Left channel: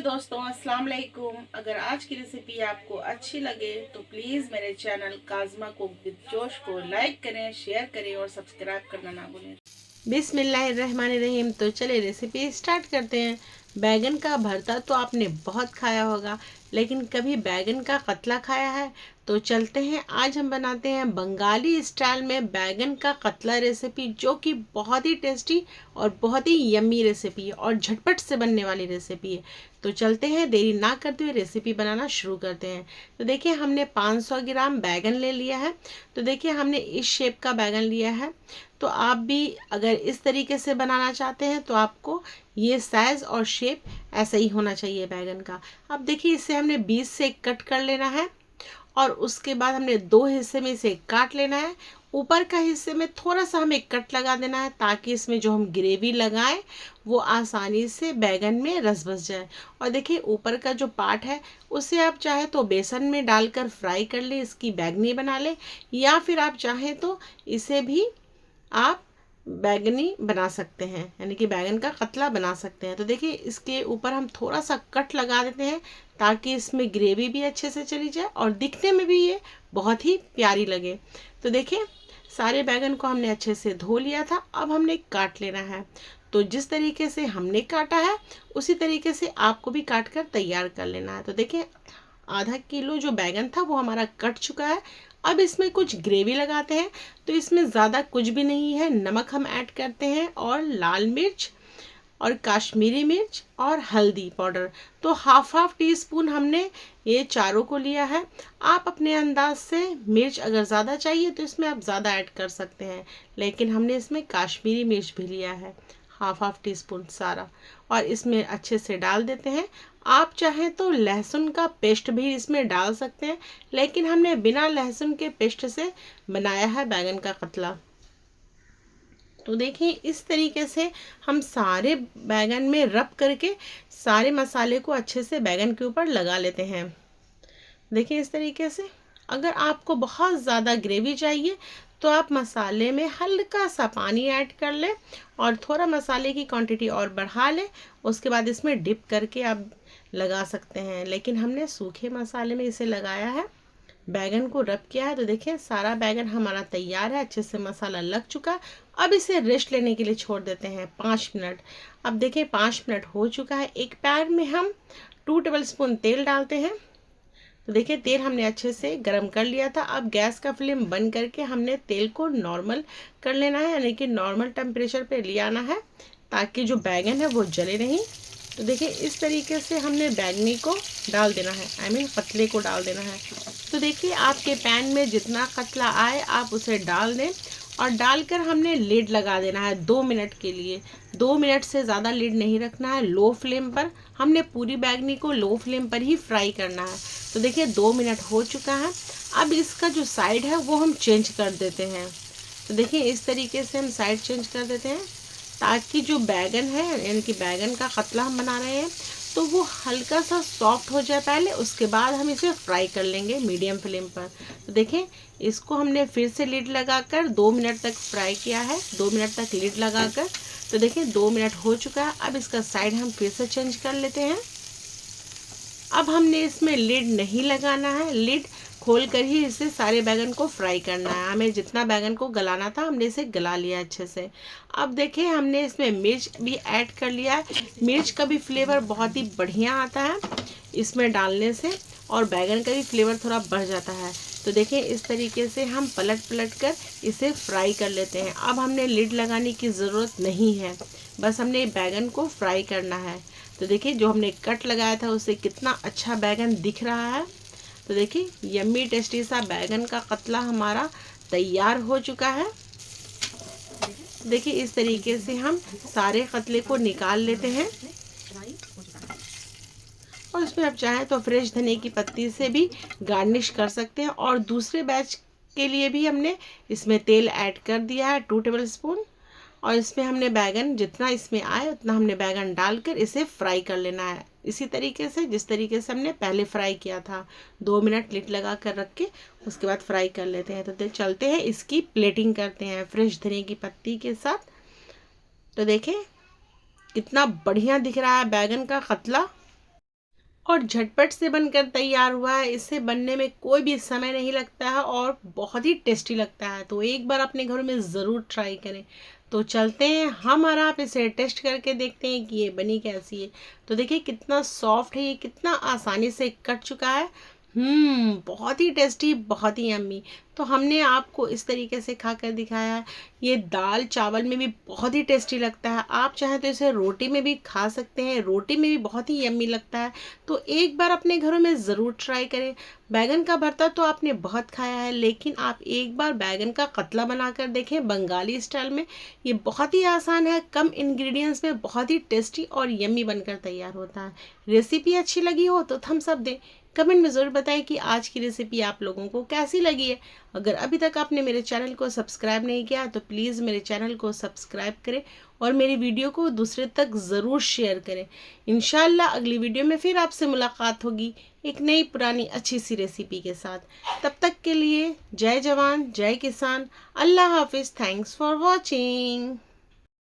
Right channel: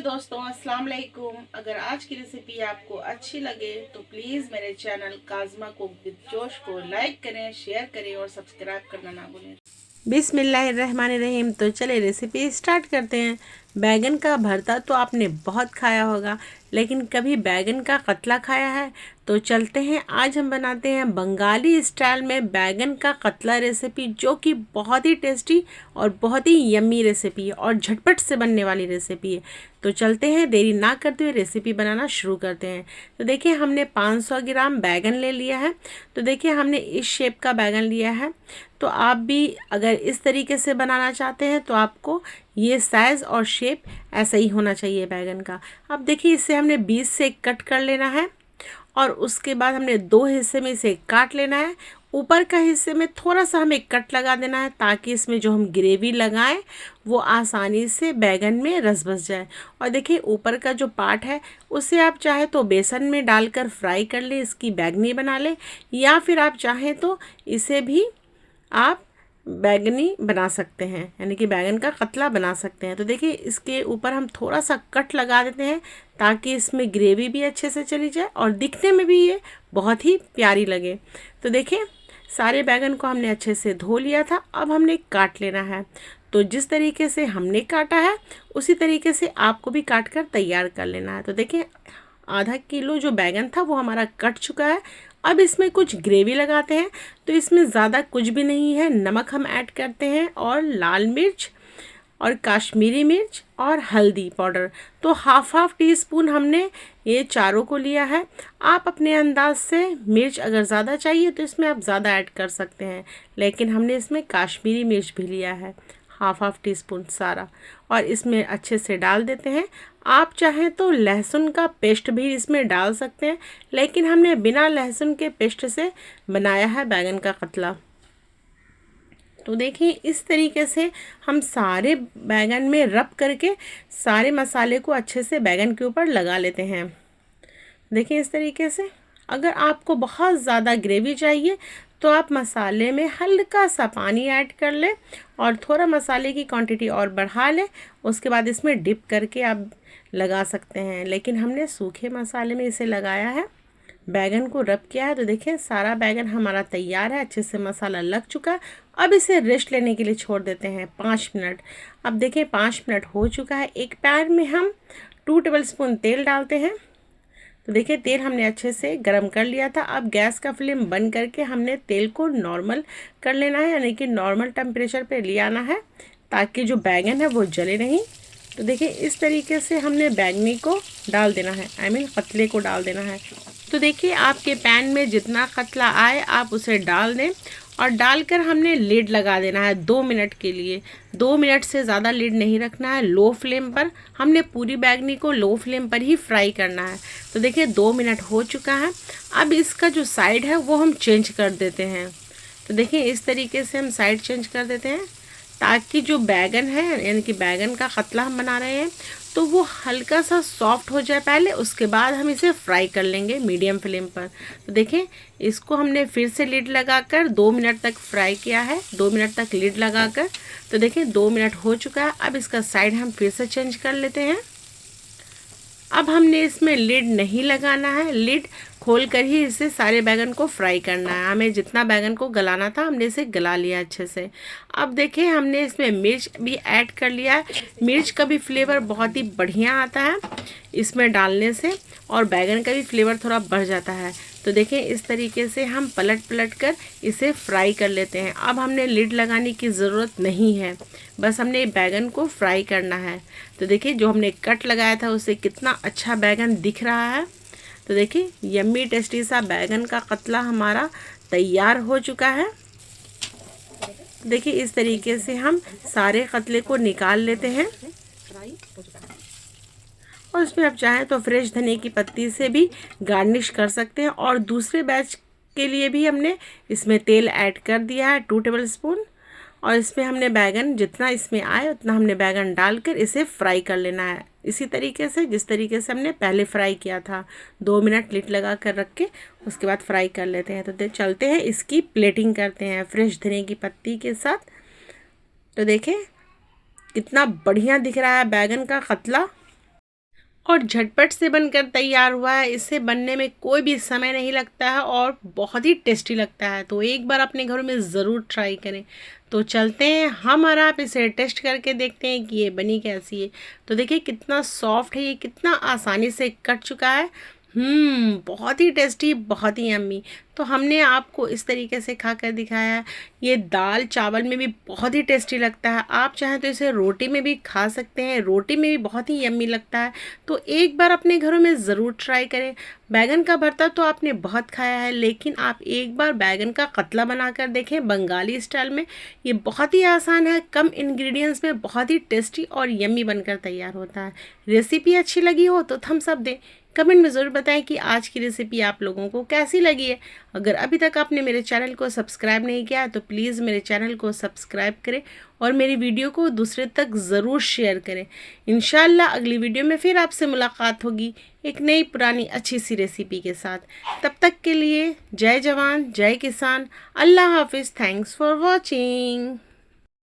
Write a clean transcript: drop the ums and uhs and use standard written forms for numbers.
दोस्तों, अस्सलाम वालेकुम। अगर आज की रेसिपी आपको अच्छी लगे तो प्लीज़ मेरे चैनल काज़मा कुक विद जोश को लाइक करें, शेयर करें और सब्सक्राइब करना ना भूलें। बिस्मिल्लाहिर्रहमानिर्रहीम। तो चले रेसिपी स्टार्ट करते हैं। बैगन का भरता तो आपने बहुत खाया होगा, लेकिन कभी बैगन का कतला खाया है? तो चलते हैं, आज हम बनाते हैं बंगाली स्टाइल में बैगन का कतला रेसिपी, जो कि बहुत ही टेस्टी और बहुत ही यम्मी रेसिपी है और झटपट से बनने वाली रेसिपी है। तो चलते हैं, देरी ना करते हुए रेसिपी बनाना शुरू करते हैं। तो देखिए, हमने 500 ग्राम बैगन ले लिया है। तो देखिए, हमने इस शेप का बैगन लिया है। तो आप भी अगर इस तरीके से बनाना चाहते हैं तो आपको ये साइज़ और शेप ऐसा ही होना चाहिए बैगन का। अब देखिए, इसे हमने 20 से कट कर लेना है और उसके बाद हमने 2 हिस्से में इसे काट लेना है। ऊपर का हिस्से में थोड़ा सा हमें कट लगा देना है, ताकि इसमें जो हम ग्रेवी लगाएं वो आसानी से बैगन में रस बस जाए। और देखिए, ऊपर का जो पार्ट है उसे आप चाहे तो बेसन में डालकर फ्राई कर लें, इसकी बैगनी बना लें, या फिर आप चाहें तो इसे भी आप बैगनी बना सकते हैं, यानी कि बैगन का कतला बना सकते हैं। तो देखिए, इसके ऊपर हम थोड़ा सा कट लगा देते हैं, ताकि इसमें ग्रेवी भी अच्छे से चली जाए और दिखने में भी ये बहुत ही प्यारी लगे। तो देखिए, सारे बैगन को हमने अच्छे से धो लिया था। अब हमने काट लेना है। तो जिस तरीके से हमने काटा है उसी तरीके से आपको भी काट कर तैयार कर लेना है। तो देखिए, आधा किलो जो बैगन था वो हमारा कट चुका है। अब इसमें कुछ ग्रेवी लगाते हैं। तो इसमें ज़्यादा कुछ भी नहीं है, नमक हम ऐड करते हैं और लाल मिर्च और काश्मीरी मिर्च और हल्दी पाउडर। तो हाफ हाफ टी स्पून हमने ये चारों को लिया है। आप अपने अंदाज से मिर्च अगर ज़्यादा चाहिए तो इसमें आप ज़्यादा ऐड कर सकते हैं, लेकिन हमने इसमें काश्मीरी मिर्च भी लिया है, हाफ हाफ टी स्पून सारा। और इसमें अच्छे से डाल देते हैं। आप चाहें तो लहसुन का पेस्ट भी इसमें डाल सकते हैं, लेकिन हमने बिना लहसुन के पेस्ट से बनाया है बैगन का कतला। तो देखिए, इस तरीके से हम सारे बैगन में रब करके सारे मसाले को अच्छे से बैगन के ऊपर लगा लेते हैं। देखिए, इस तरीके से। अगर आपको बहुत ज़्यादा ग्रेवी चाहिए तो आप मसाले में हल्का सा पानी ऐड कर लें और थोड़ा मसाले की क्वांटिटी और बढ़ा लें। उसके बाद इसमें डिप करके आप लगा सकते हैं, लेकिन हमने सूखे मसाले में इसे लगाया है, बैगन को रब किया है। तो देखिए, सारा बैगन हमारा तैयार है, अच्छे से मसाला लग चुका है। अब इसे रेस्ट लेने के लिए छोड़ देते हैं 5 मिनट। अब देखिए, 5 मिनट हो चुका है। एक पैन में हम 2 टेबल स्पून तेल डालते हैं। तो देखिए, तेल हमने अच्छे से गरम कर लिया था। अब गैस का फ्लेम बंद करके हमने तेल को नॉर्मल कर लेना है, यानी कि नॉर्मल टेम्परेचर पे ले आना है, ताकि जो बैगन है वो जले नहीं। तो देखिए, इस तरीके से हमने बैगनी को डाल देना है, पतले को डाल देना है। तो देखिए, आपके पैन में जितना कतला आए आप उसे डाल दें और डालकर हमने लिड लगा देना है 2 मिनट के लिए। 2 मिनट से ज़्यादा लिड नहीं रखना है, लो फ्लेम पर। हमने पूरी बैगनी को लो फ्लेम पर ही फ्राई करना है। तो देखिए, 2 मिनट हो चुका है। अब इसका जो साइड है वो हम चेंज कर देते हैं। तो देखिए, इस तरीके से हम साइड चेंज कर देते हैं, ताकि जो बैगन है, यानी कि बैगन का कतला हम बना रहे हैं, तो वो हल्का सा सॉफ्ट हो जाए पहले, उसके बाद हम इसे फ्राई कर लेंगे मीडियम फ्लेम पर। तो देखें, इसको हमने फिर से लिड लगाकर 2 मिनट तक फ्राई किया है, 2 मिनट तक लिड लगाकर। तो देखें, 2 मिनट हो चुका है। अब इसका साइड हम फिर से चेंज कर लेते हैं। अब हमने इसमें लिड नहीं लगाना है, लिड खोल कर ही इसे सारे बैगन को फ्राई करना है। हमें जितना बैगन को गलाना था हमने इसे गला लिया अच्छे से। अब देखिए, हमने इसमें मिर्च भी ऐड कर लिया है। मिर्च का भी फ्लेवर बहुत ही बढ़िया आता है इसमें डालने से, और बैगन का भी फ्लेवर थोड़ा बढ़ जाता है। तो देखिए, इस तरीके से हम पलट पलट कर इसे फ्राई कर लेते हैं। अब हमने लिड लगाने की ज़रूरत नहीं है, बस हमने बैगन को फ्राई करना है। तो देखिए, जो हमने कट लगाया था उससे कितना अच्छा बैगन दिख रहा है। तो देखिए, यम्मी टेस्टी सा बैगन का कतला हमारा तैयार हो चुका है। देखिए, इस तरीके से हम सारे कतले को निकाल लेते हैं और इसमें आप चाहें तो फ्रेश धनिया की पत्ती से भी गार्निश कर सकते हैं। और दूसरे बैच के लिए भी हमने इसमें तेल ऐड कर दिया है 2 टेबल स्पून, और इसमें हमने बैगन जितना इसमें आए उतना हमने बैगन डालकर इसे फ्राई कर लेना है, इसी तरीके से जिस तरीके से हमने पहले फ्राई किया था। 2 मिनट लिड लगा कर रख के उसके बाद फ्राई कर लेते हैं। तो चलते हैं, इसकी प्लेटिंग करते हैं फ्रेश धनिया की पत्ती के साथ। तो देखें, कितना बढ़िया दिख रहा है बैगन का कतला। और झटपट से बनकर तैयार हुआ है। इसे बनने में कोई भी समय नहीं लगता है और बहुत ही टेस्टी लगता है। तो एक बार अपने घरों में ज़रूर ट्राई करें। तो चलते हैं हम और आप इसे टेस्ट करके देखते हैं कि ये बनी कैसी है। तो देखिए कितना सॉफ्ट है, ये कितना आसानी से कट चुका है। बहुत ही टेस्टी, बहुत ही यम्मी। तो हमने आपको इस तरीके से खाकर दिखाया है। ये दाल चावल में भी बहुत ही टेस्टी लगता है। आप चाहें तो इसे रोटी में भी खा सकते हैं, रोटी में भी बहुत ही यम्मी लगता है। तो एक बार अपने घरों में ज़रूर ट्राई करें। बैगन का भरता तो आपने बहुत खाया है, लेकिन आप एक बार बैगन का कतला बनाकर देखें बंगाली स्टाइल में। ये बहुत ही आसान है, कम इंग्रेडिएंट्स में बहुत ही टेस्टी और यम्मी बनकर तैयार होता है। रेसिपी अच्छी लगी हो तो थम्स अप दें। कमेंट में ज़रूर बताएं कि आज की रेसिपी आप लोगों को कैसी लगी है। अगर अभी तक आपने मेरे चैनल को सब्सक्राइब नहीं किया तो प्लीज़ मेरे चैनल को सब्सक्राइब करें और मेरी वीडियो को दूसरे तक ज़रूर शेयर करें। इंशाल्लाह अगली वीडियो में फिर आपसे मुलाकात होगी एक नई पुरानी अच्छी सी रेसिपी के साथ। तब तक के लिए जय जवान जय किसान, अल्लाह हाफिज़। Thanks for watching.